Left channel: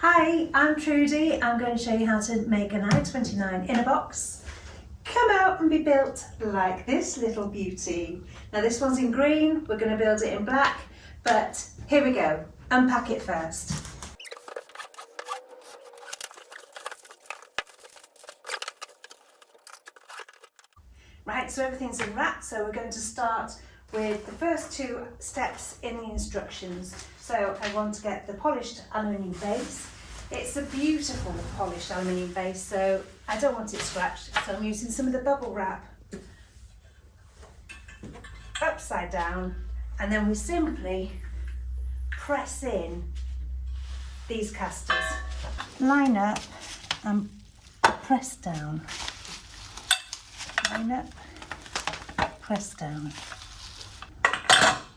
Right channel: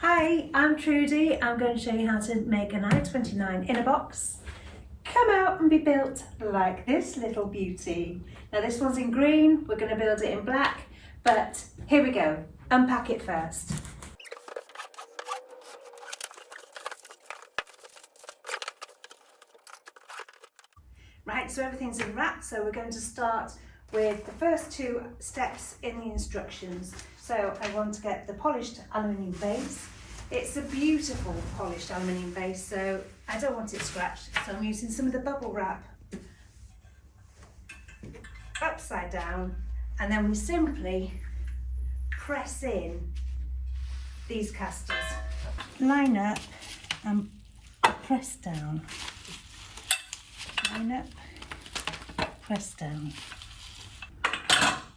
Hi, I'm Trudy. I'm going to show you how to make an i29 in a box. Come out and be built like this little beauty. Now this one's in green, we're going to build it in black, but here we go. Unpack it first. Right, so everything's in wrap, so we're going to start with the first two steps in the instructions. So I want to get the polished aluminium base. It's a beautiful polished aluminium base, so I don't want it scratched, so I'm using some of the bubble wrap upside down, and then we simply press in these casters. Line up and press down. Line up, press down.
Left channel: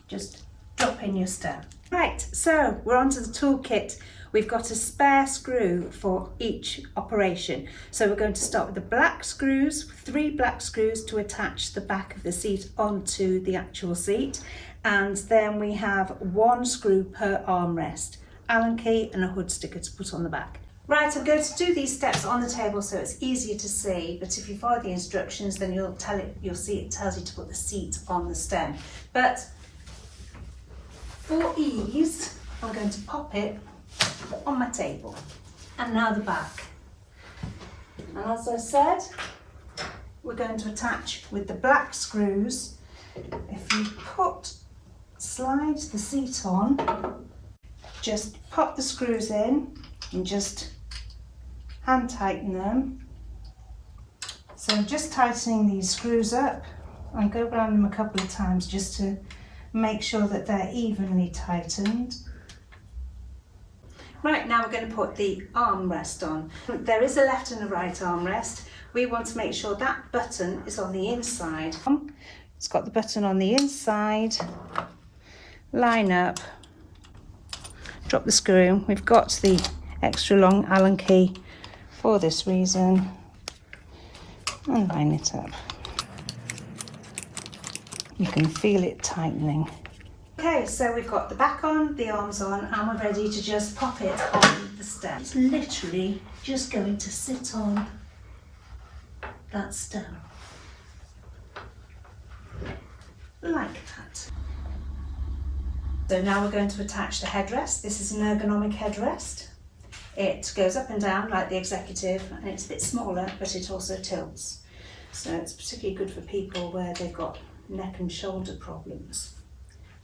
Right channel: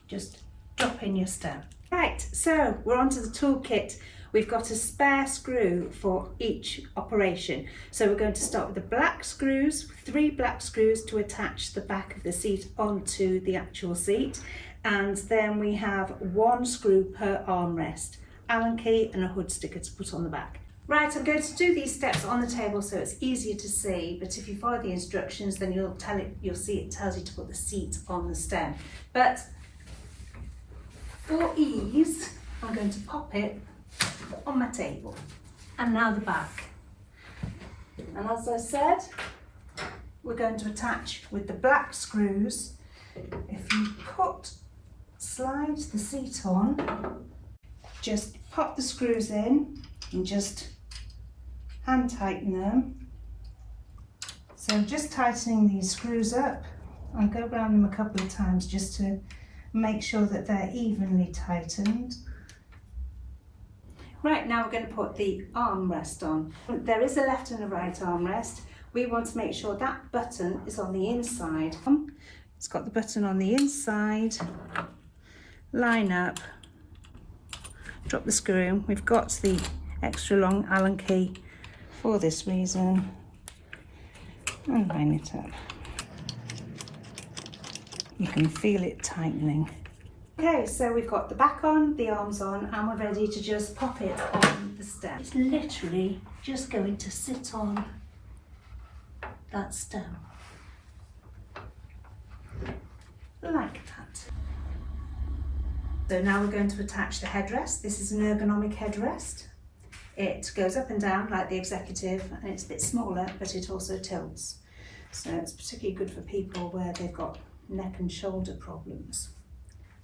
Just drop in your stem. Right, so we're onto the toolkit. We've got a spare screw for each operation. So we're going to start with the black screws, 3 black screws to attach the back of the seat onto the actual seat. And then we have 1 screw per armrest, Allen key and a hood sticker to put on the back. Right, I'm going to do these steps on the table so it's easier to see, but if you follow the instructions then you'll see it tells you to put the seat on the stem. But for ease, I'm going to pop it on my table. And now the back. And as I said, we're going to attach with the black screws. If you slide the seat on, just pop the screws in and just hand tighten them. So I'm just tightening these screws up and go around them a couple of times just to make sure that they're evenly tightened. Right, now we're going to put the armrest on. There is a left and a right armrest. We want to make sure that button is on the inside. It's got the button on the inside. Line up, drop the screw. We've got the extra long Allen key for this reason. And line it up. You can feel it tightening. Okay, so we've got the back on, the arms on, and we're ready to just pop it on the stem. It's literally just going to sit on that stem. Like that. So now we're going to attach the headrest. This is an ergonomic headrest. It goes up and down like the executive, and it's a bit smaller, but it also tilts. So it's particularly good for people where they've got neck and shoulder problems.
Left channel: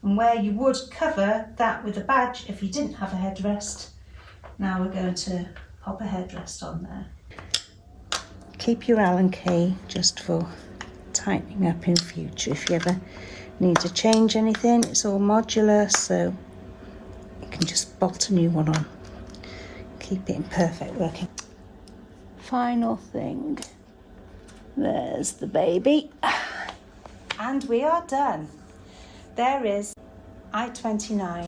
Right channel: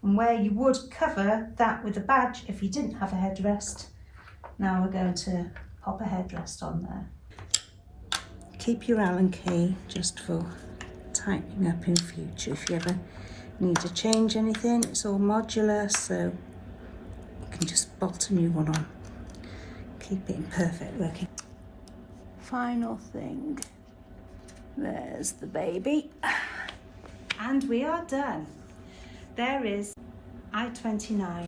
And where you would cover that with a badge if you didn't have a headrest, now we're going to pop a headrest on there. Keep your Allen key just for tightening up in future. If you ever need to change anything, it's all modular, so you can just bolt a new one on. Keep it in perfect working. Final thing, there's the baby. And we are done. There is i29